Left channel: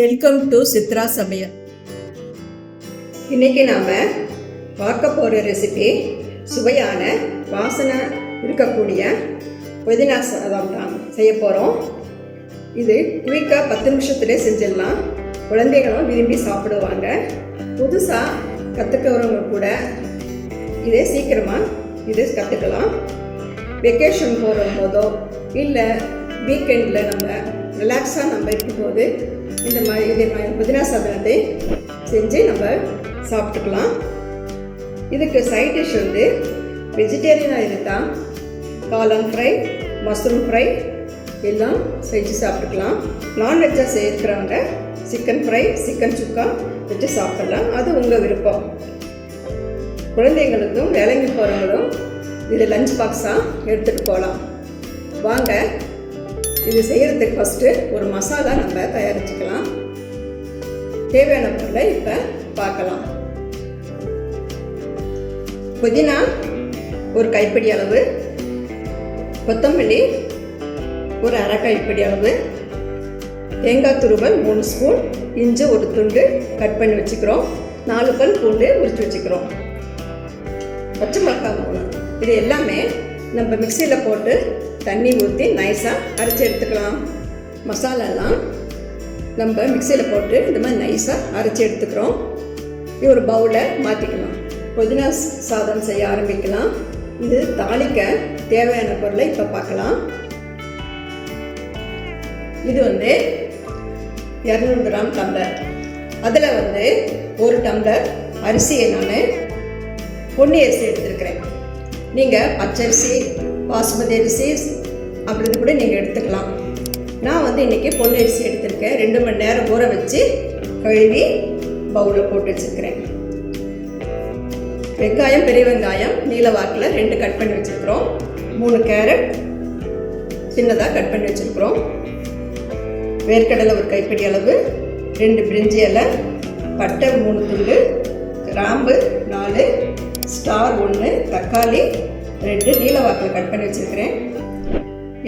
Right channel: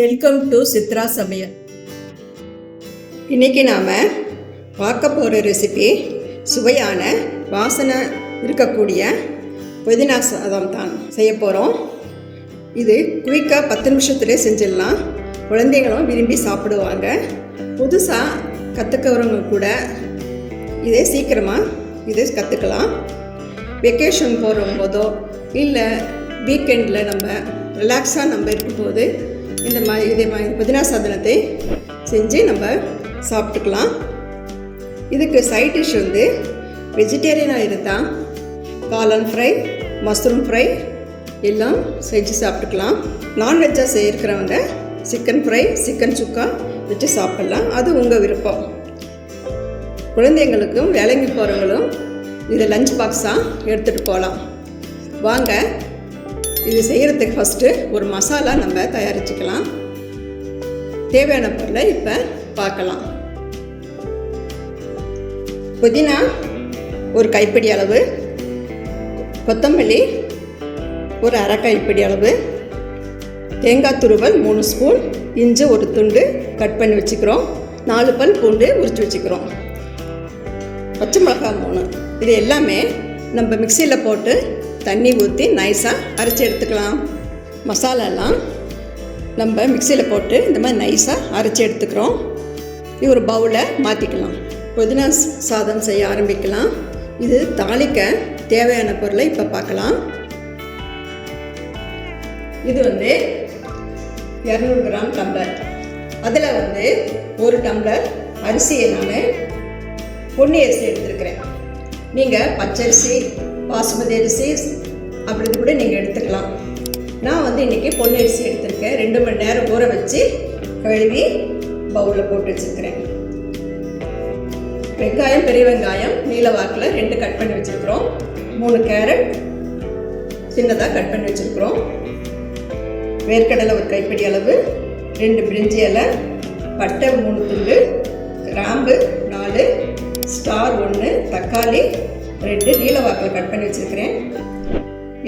Welcome to Chitra சமையல். இன்றைக்கி நாம் பார்க்க போகிற ரெசிபி சுவையான வாசனை இருக்கக்கூடிய புதினா சாதம் தான் செய்ய போகிறோம். இது குயிக்காக 10 நிமிஷத்துலேயே செஞ்சிடலாம். குழந்தைகளும் விரும்பி சாப்பிடுவாங்க. புதுசாக கற்றுக்கிறவங்க கூட இதே சீக்கிரமாக கற்றுக்கலாம். வெக்கேஷன் போகிற போதோ இல்லை வீக்கெண்டில் நம்ம ரிலாக்ஸாக இருக்கும்போது இதே மாதிரி புதினா சாதனத்தை செஞ்சு நம்ம சாப்பிட்டுக்கலாம். இதுக்கு சைட் டிஷ் வெஜிடேரியனாக இருந்தால் காளான் ஃப்ரை, மஷ்ரூம் ஃப்ரை எல்லாம் செஞ்சு சாப்பிட்டுக்கலாம். நான்வெஜ்ஜாக செய்கிறவங்க சிக்கன் ஃப்ரை, சிக்கன் சுக்கா வச்சு சாப்பிடலாம். அது உங்கள் விருப்பம். குழந்தைங்களுக்கும் வேலைக்கு போகிறவங்களும் இது லஞ்ச் பாக்ஸாக எடுத்துகிட்டு போகலாம். வாங்க இது செய்கிறதுக்கு ஃபஸ்ட்டு ஒரு மசாலா நம்ம தயாரிச்சுக்கலாம். தேவையான பொருளை இப்போ பார்க்கலாம். புதினா ஒரு கைப்பிடி அளவு, கொத்தமல்லி ஒரு அரை கைப்பிடி அளவு, தேங்காய் துருவல் 3 ஸ்பூன், இஞ்சி ஒரு துண்டு கட் பண்ணி வச்சுக்கிறோம், 4 பல் பூண்டு உரித்து வச்சுக்கிறோம், பச்சை மிளகாய் 3. இது எல்லாமே நம்ம மிக்சியில் போட்டு தண்ணி ஊற்றி நைஸாக அரைச்சி எடுத்துக்கலாம். மசாலாலாம் நம்ம மிக்சியில் போட்டு இந்த மாதிரி நைஸாக அரைச்சி எடுத்துக்கிறோம். இது ஒரு பவுலில் மாற்றிக்கலாம். புதினா சாதம் செய்ய ஆரம்பிக்கலாம். இது தாளிக்க தேவையான பொருளை இப்போ பார்க்கலாம். இது 200 கிராம் டம்ளர். அதில் 1 டம்ளர் அரிசியை நான் பொன்னி அரிசி எடுத்துருக்கிறேன். நீங்கள் பச்சரிசி, பாசுமதி அரிசி அப்படி கூட நீங்கள் எடுத்துக்கலாம். நான் இன்றைக்கி பொன்னி அரிசி எடுத்துருக்கேன். 2 மணி நேரம் ஊற வச்சு கழுவி பவுலில் போட்டு வச்சுருக்கிறேன். வெங்காயம், பெரிய வெங்காயம் நீல வாக்கில் 2 கட் பண்ணி வச்சுருக்கிறோம். 3 கேரட் சின்னதாக கட் பண்ணி வச்சுருக்கிறோம். வேர்க்கடலை ஒரு கைப்பிடி அளவு, 2 பிரிஞ்சி இலை, பட்டை 3 துண்டு, கிராம்பு 4, ஸ்டார் 1, தக்காளி 2 நீல வாக்கில் கட் பண்ணி வச்சுருக்கிறேன்,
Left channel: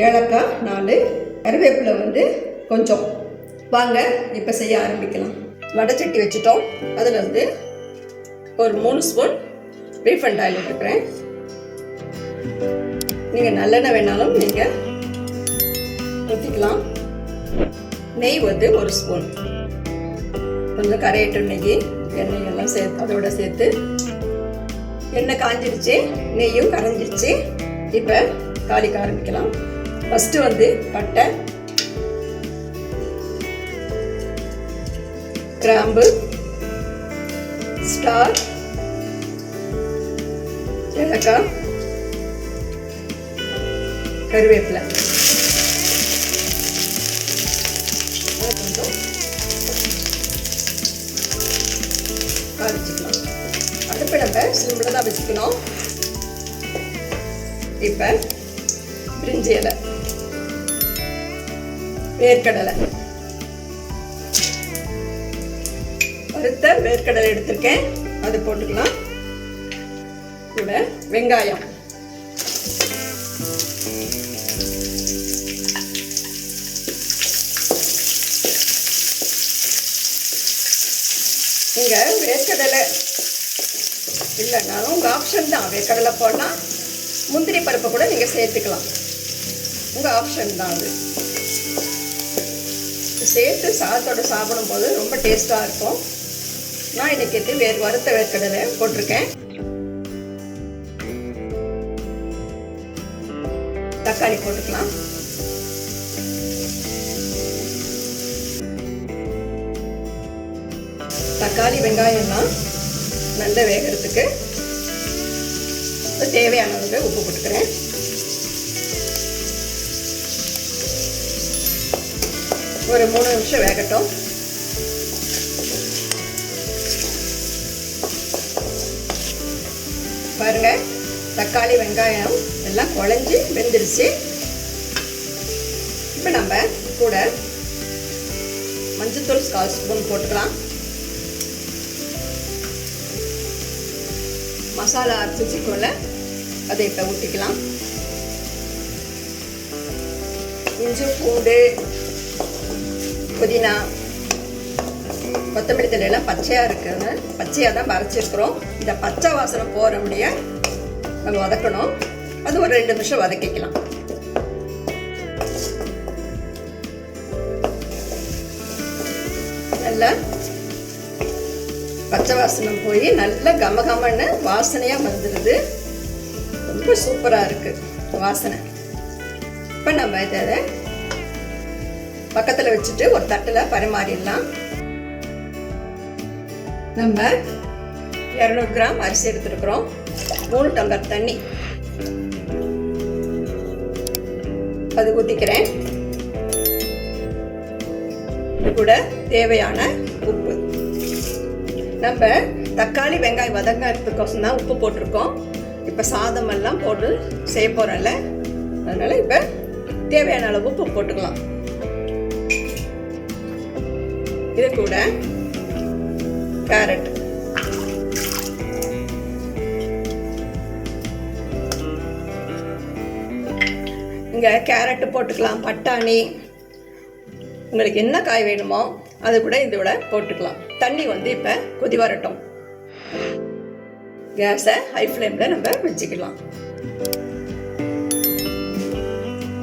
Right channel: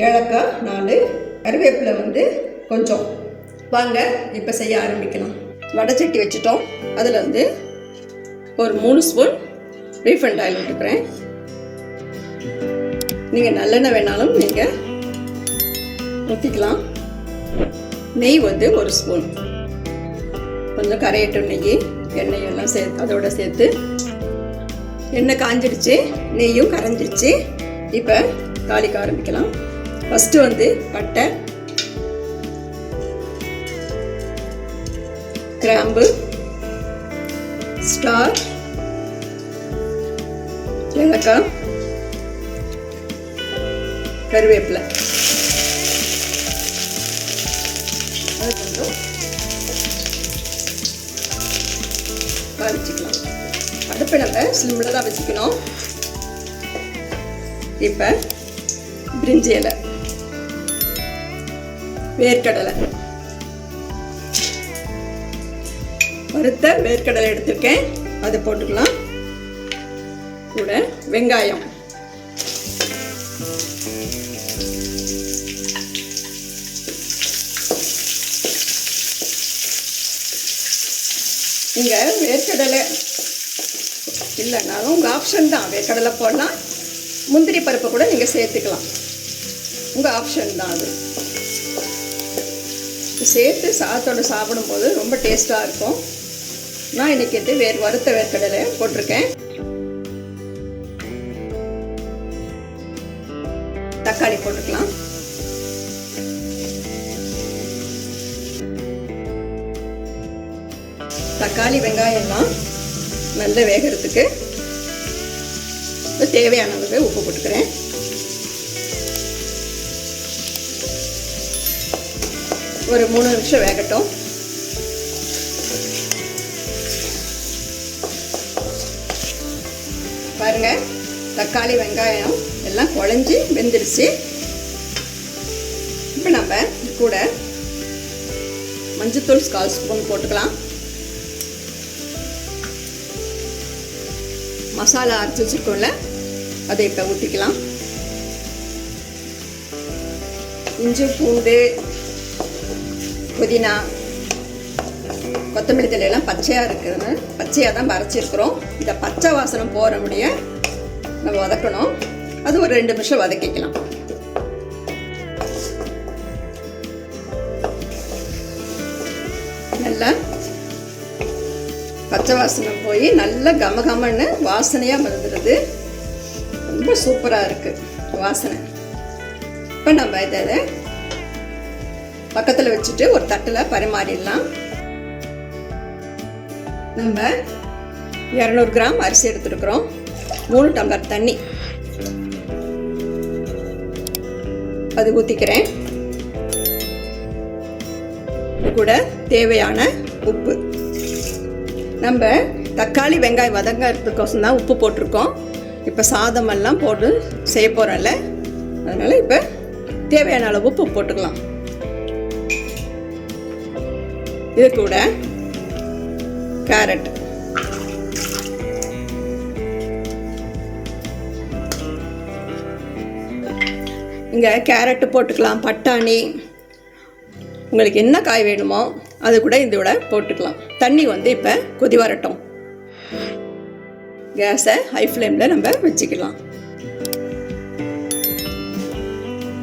ஏலக்காய் 4, கருவேப்பிலை கொஞ்சம். வாங்க இப்போ செய்ய ஆரம்பிக்கலாம். வடைச்சட்டி வச்சுட்டோம். அதில் ஒரு 3 ஸ்பூன் ரீஃபைண்ட் ஆயில் விட்டுக்கிறேன். நீங்கள் நல்லெண்ணெய் வேணாலும் நீங்கள் ஊற்றிக்கலாம். நெய் 1 ஸ்பூன், கொஞ்சம் கரையட்டும் நெய். எண்ணெயெல்லாம் சேர்த்து அதோட சேர்த்து எண்ணெய் காஞ்சிடுச்சு, நெய்யும் கரைஞ்சிடுச்சு. இப்போ தாளிக்க ஆரம்பிக்கலாம். ஃபஸ்ட்டு பட்டை, கிராம்பு, ஸ்டார், ஏலக்காய், கருவேப்பிலை கொஞ்சம் தாளிச்சிக்கலாம். அடுப்பை நம்ம சிம்மில் தான் வச்சுக்கணும். இப்போ பிரிஞ்சி இலை, வேர்க்கடலை, வறுத்த வேர்க்கடலை எடுத்திருக்கேன், அதை போட்டுக்கலாம். கூட வெங்காயம், நீங்கள் வேர்க்கடலை இல்லைன்னா உங்கள் ஆப்ஷன் தான். வேர்க்கடலை போடலாம், முந்திரி பருப்பை கூட நீங்கள் சேர்த்துக்கலாம். உங்கள் ஆப்ஷன் தான். அது சேர்த்து சாதத்தோடு சாப்பிடும்போது ரொம்ப டேஸ்ட்டாக இருக்கும். நான் இன்றைக்கி வறுத்த வேர்க்கடலை போட்டிருக்கேன். தக்காளி போட்டுக்கலாம். தக்காளி வெங்காயம்லாம் நல்லா வேகிறதுக்கு தேவையான உப்பு போட்டுக்கிறேன். ஒரு 3 நிமிஷம் வேகட்டும். பாருங்க, தக்காளி வெங்காயம் எல்லாம் குழஞ்சி வெந்துடுச்சு. இப்போ நம்ம கூட மஞ்சத்தூள் 1/4 ஸ்பூன் போட்டுக்கலாம். மசாலா அரைச்சி வச்சுக்கோல அதை இப்போ ஊற்றிக்கலாம். இஞ்சி, பூண்டு, புதினா கொத்தமல்லி தழையெல்லாம் பச்சையாக இருக்குது, பச்சையாக தான் அரைச்சிருக்கிறோம். இந்த பச்சை வாசனை போகிற முடிய நம்ம வதக்கணும். அது ஒரு 2 நிமிஷம் வதக்கிக்கலாம். நல்லா பச்சை வாசனை போய் நல்லா கமகமன்னு வாசனையாக வந்துடுது. ரொம்ப சூப்பராக இருக்குது வாசனை. இப்போ நம்ம இதை பக்கத்தில் வச்சுட்டு ஒரு தட்டில் பரிமாறிடலாம். நம்ம 200 கிராம் அரிசி எடுத்துருக்குறோம். 3 டம்ளர் தண்ணி அது ஊற்றிக்கிறேன். இது கூட தேவையான உப்பு. நம்ம தக்காளி வெங்காயம் வதங்கிறதுக்கோசம் தான் உப்பு போட்டிருக்கோம். இப்போ சாதமெல்லாம் போட்டு செய்ய போகிறோம்ல, அதனால் இப்போ தேவையான அளவு உப்பு போட்டுக்கலாம். இது கூட கேரட், இங்கே கேரட்டு போட்டுக்கலாம், பட்டாணி, உங்களுக்கு என்ன காய் வேணுமோ அது கூட இதோட போட்டுக்கலாம். தண்ணி வந்து இப்போ கொதி வரட்டும். கேஸை ஹை ஃப்ளேமில் நம்ம வச்சுக்கலாம்.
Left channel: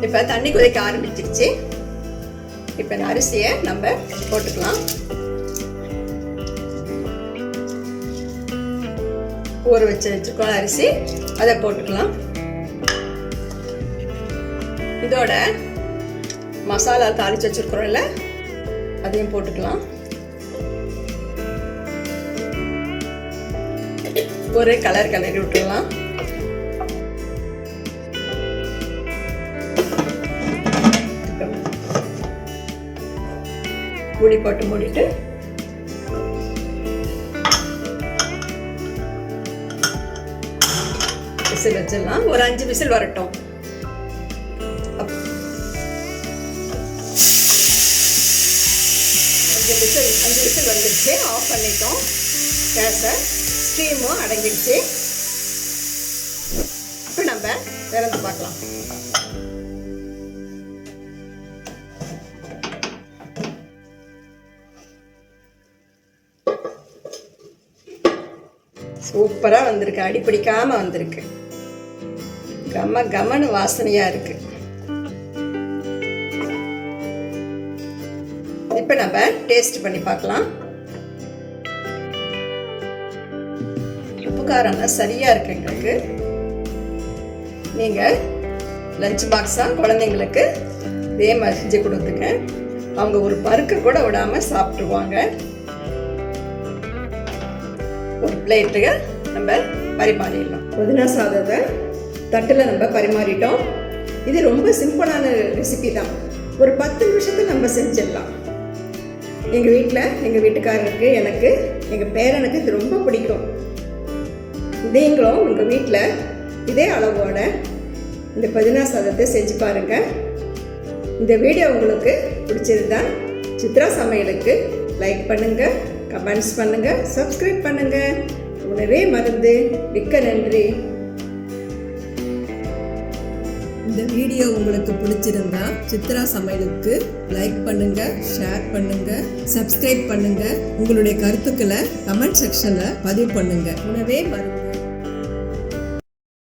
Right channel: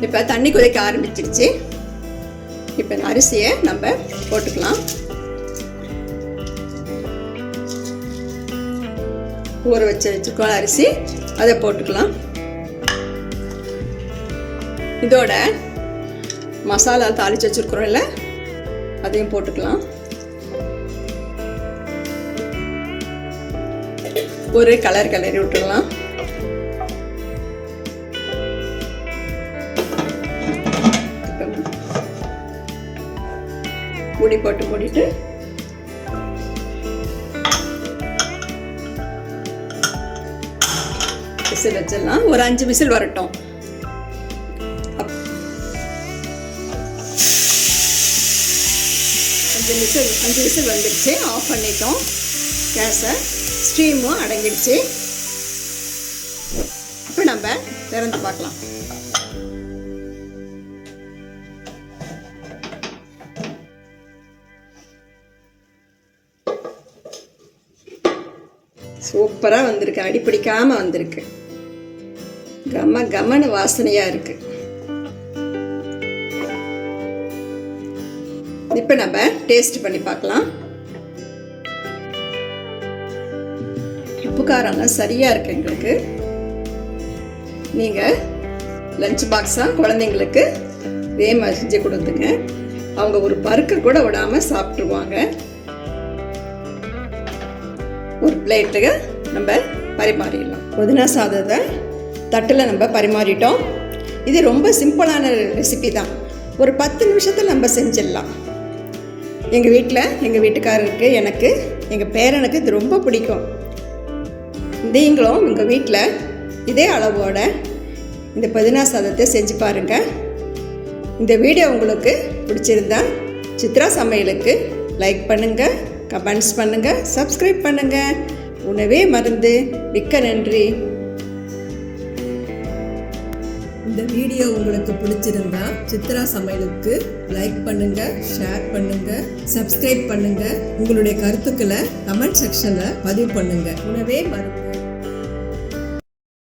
இப்போ தண்ணி கொதிக்க ஆரம்பிச்சிருச்சு. இப்போ இந்த அரிசியை நம்ம போட்டுக்கலாம். ஊற வச்சிருக்கோம் அரிசி, அதை போட்டுக்கலாம். இதோட மசாலா தாளிச்சு வச்சிருக்கிறோம்ல, அதையும் போட்டுக்கலாம். ஒரு கலர் கிளறி விட்டுடலாம். மூடி போட்டு மூடிட்டு விசில் வச்சிடலாம். ஒரு 5 விசில் வரட்டும். 5 விசில் வந்துடுச்சு. ஆஃப் பண்ணிட்டோம் கேஸை. ஸ்டீமும் அடங்கிடுச்சு. இப்போ நம்ம திறந்து பார்க்கலாம். சூப்பராக வந்திருக்கு, அடி பிடிக்காம வந்திருக்கு. கமன்னு வாசனையாக இருக்கு. இப்போ நம்ம டேஸ்ட் பண்ணி பார்க்கலாம். உப்பு காரம்லாம் சரியா இருக்கு. எங்களுக்கு நீங்கள் லஞ்ச் பாக்ஸாக குழந்தைங்களுக்கு இதே மாதிரி செஞ்சு கொடுத்துங்க. அவங்க ஒரு பருக்க கூட விடாமல் சாப்பிட்ருவாங்க. ஒரு பிளேட்டுக்கு நம்ம பரிமாறிடலாம். புதினா சாதத்தை தட்டில் நம்ம பரிமாறிட்டோம். இது ரொம்ப சிம்பிளான ரெசிபி தான். ஒரு 10 நிமிஷத்தில் நம்ம செஞ்சிடலாம். எங்கள் வீட்டில் எங்கள் வீட்டுக்காரருக்கு, எனக்கு, எங்கள் பேரனுக்கு இது ரொம்ப பிடிக்கும். நீங்களும் உங்கள் வீட்டில் இதே அளவோட இந்த புதினா சாதத்தை செஞ்சு பாருங்கள். இந்த வீடியோ உங்களுக்கு பிடிச்சிருந்தா சித்ரா சமையலுக்கு லைக் பண்ணுங்கள், கமெண்ட்ஸ் பண்ணுங்கள், சப்ஸ்கிரைப் பண்ணுங்கள். உணவே மருந்து. மிக்க நன்றி. இந்த வீடியோ உங்களுக்கு பிடிச்சிருந்தா சித்ரா சமையலுக்கு லைக் பண்ணுங்க, ஷேர் பண்ணுங்க, சப்ஸ்கிரைப் பண்ணுங்க. உங்களுடைய கருத்துக்களை கமெண்ட் செக்ஷன்ல பதிவு பண்ணுங்க. உணவே மருந்து.